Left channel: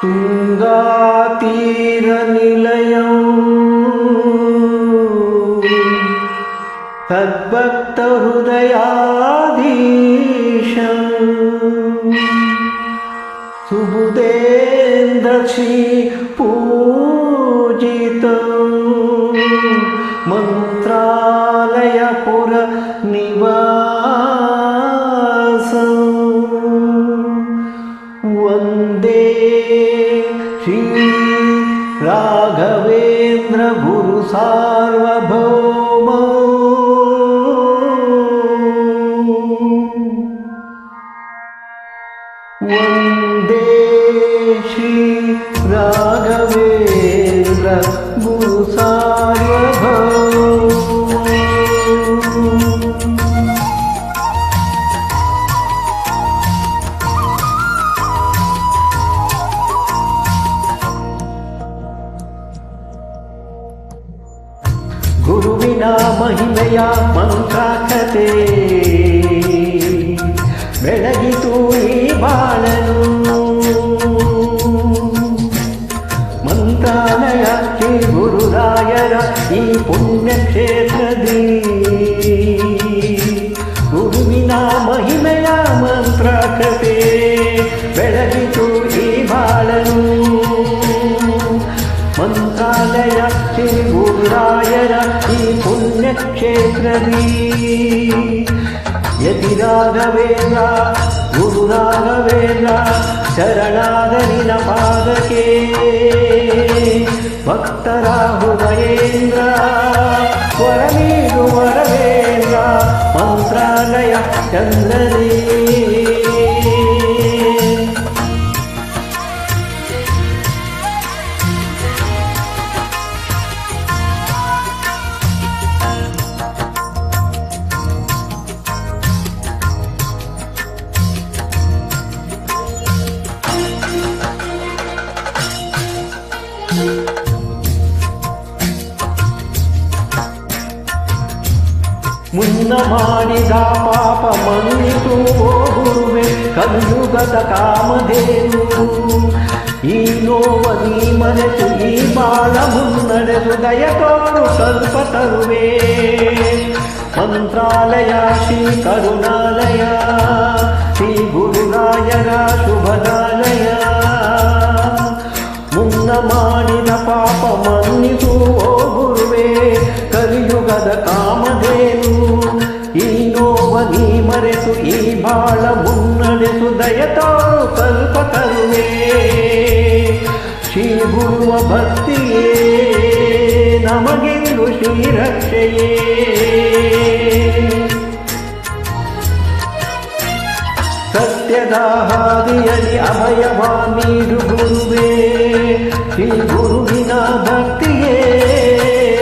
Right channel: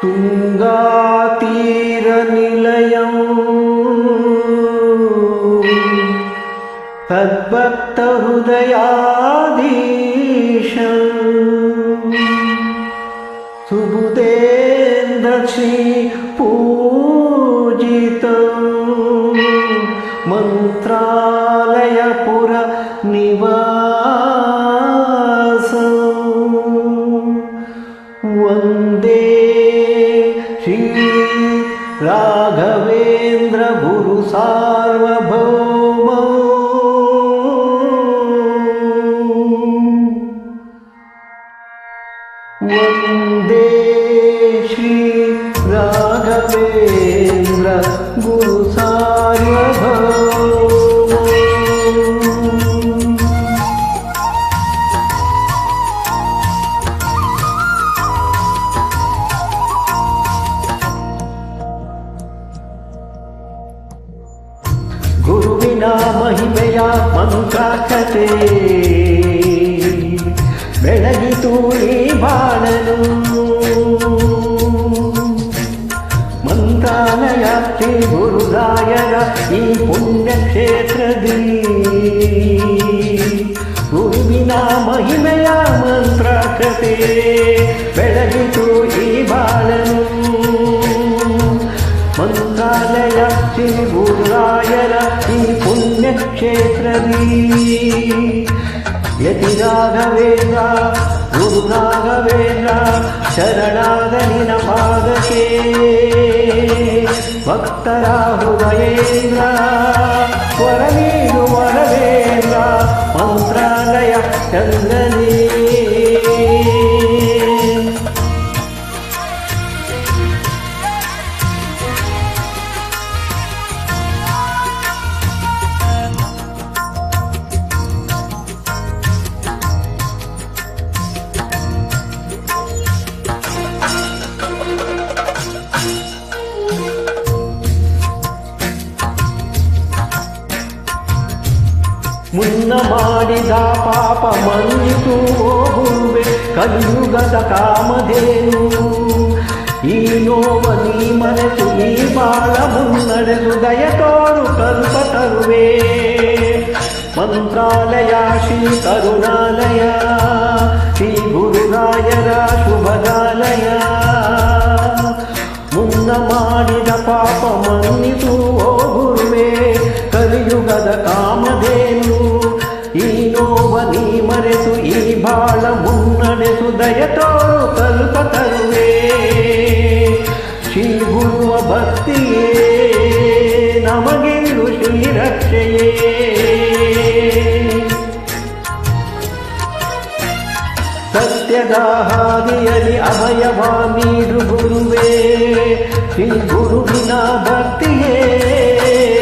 ತುಂಗಾತೀರನಿಲಯಂ ತದ್ಭಕ್ತಹೃದಯಾಧೀಶಂ ಸುಬುಧೇಂದ್ರ ಶ್ರೀ ಪೂಜಿತಂ ಮಂತ್ರಾಲಯಪುರ ನಿವಾಸಂ ವಂದೇ ಶ್ರೀ ರಾಘವೇಂದ್ರ ಗುರು ಸಾರ್ವಭೌಮ ವಂದೇ ಶ್ರೀ ರಾಘವೇಂದ್ರ ಗುರು ಸಾರ್ವಭೌಮ. ಗುರುವಿನ ಮಹಿಮೆಯ ಮಂತ್ರಾಕ್ಷತೆ ಬೆಳಗಿತು ಈ ಬಾಳನು. ಮಂತ್ರಾಲಯ ಶ್ರೀ ಗುರುರಾಯರ ಈ ಪುಣ್ಯಕ್ಷೇತ್ರದಿ ಗುರುವಿನ ಮಹಿಮೆಯ ಮಂತ್ರಾಕ್ಷತೆ ಬೆಳಗಿತು ಈ ಬಾಳನು. ಮಂತ್ರಾಲಯ ಶ್ರೀ ಗುರುರಾಯರ ಈ ಪುಣ್ಯಕ್ಷೇತ್ರದಿ ಯತಿ ರಾಘವೇಂದ್ರ ಗುರು ರಾಘವೇಂದ್ರ ಶರಣಾದ ನಿನ ಪಾದಕ್ಕೆ ಭಕ್ತರ ಹೃದಯೇಂದ್ರ ವರ ನೀಡು ವರವೇಂದ್ರ ಮಂತ್ರಾಲಯ ಚಂದ್ರನೇ. ಮುನ್ನ ಮಾಡಿದ ಪಾಪ ಮನ್ನಿಸು ಓ ಗುರುವೆ ಕಲಿಯುಗದ ಕಾಮಧೇನು. ಈ ನೋವ ನೀ ಮರೆತು ಈ ಬಾಳ ಮುನ್ನಡೆಸು ದಯ ತೋರು ಕಲ್ಪ ತರುವೆ. ಮಂತ್ರಾಲಯ ಶ್ರೀ ಕರುಣಾಲಯ ಶ್ರೀ ಗುರುರಾಯರ ಶುಭದಾಲಯ. ಮುನ್ನ ಮಾಡಿದ ಪಾಪ ಮನ್ನಿಸು ಓ ಗುರುವೆ ಕಲಿಯುಗದ ಕಾಮಧೇನು. ಈ ನೋವ ನೀ ಮರೆಸು ಈ ಬಾಳ ಮುನ್ನಡೆಸು ದಯ ತೋರು ಕಲ್ಪ ತರುವೆ. ಶ್ರೀ ಗುರುವ ಭಕ್ತಿಯೇ ನಮಗೆಂದು ಶ್ರೀರಕ್ಷೆಯೇ. ಸತ್ಯದ ಹಾದಿಯಲ್ಲಿ ಅಭಯವ ನೀಡು ಗುರುವೇ. ಶ್ರೀ ಗುರುವಿನ ಭಕ್ತಿಯೇ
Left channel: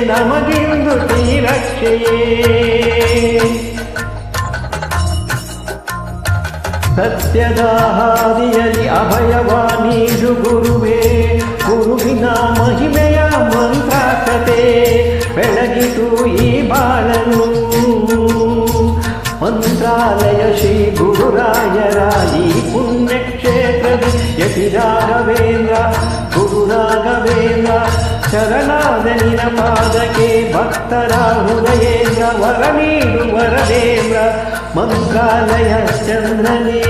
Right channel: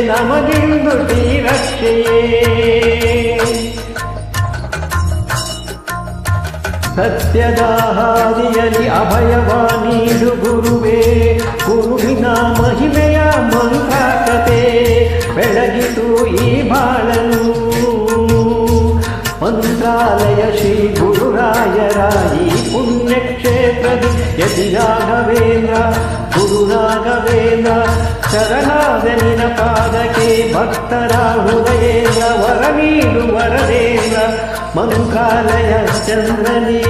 ನಮಗೆಂದು ಶ್ರೀರಕ್ಷೆಯೇ. ಸತ್ಯದ ಹಾದಿಯಲ್ಲಿ ಅಭಯವ ನೀಡು ಗುರುವೇ. ಗುರುವಿನ ಮಹಿಮೆಯ ಮಂತ್ರಾಕ್ಷತೆ ಬೆಳಗಿತು ಈ ಬಾಳನು. ಮಂತ್ರಾಲಯ ಶ್ರೀ ಗುರುರಾಯರ ಈ ಪುಣ್ಯಕ್ಷೇತ್ರದಿ ಯತಿ ರಾಘವೇಂದ್ರ ಗುರು ರಾಘವೇಂದ್ರ ಶರಣಾದ ನಿನ ಪಾದಕ್ಕೆ ಭಕ್ತರ ಹೃದಯೇಂದ್ರ ವರ ನೀಡು ವರದೇಂದ್ರ ಮಂತ್ರಾಲಯ ಚಂದ್ರನೇ.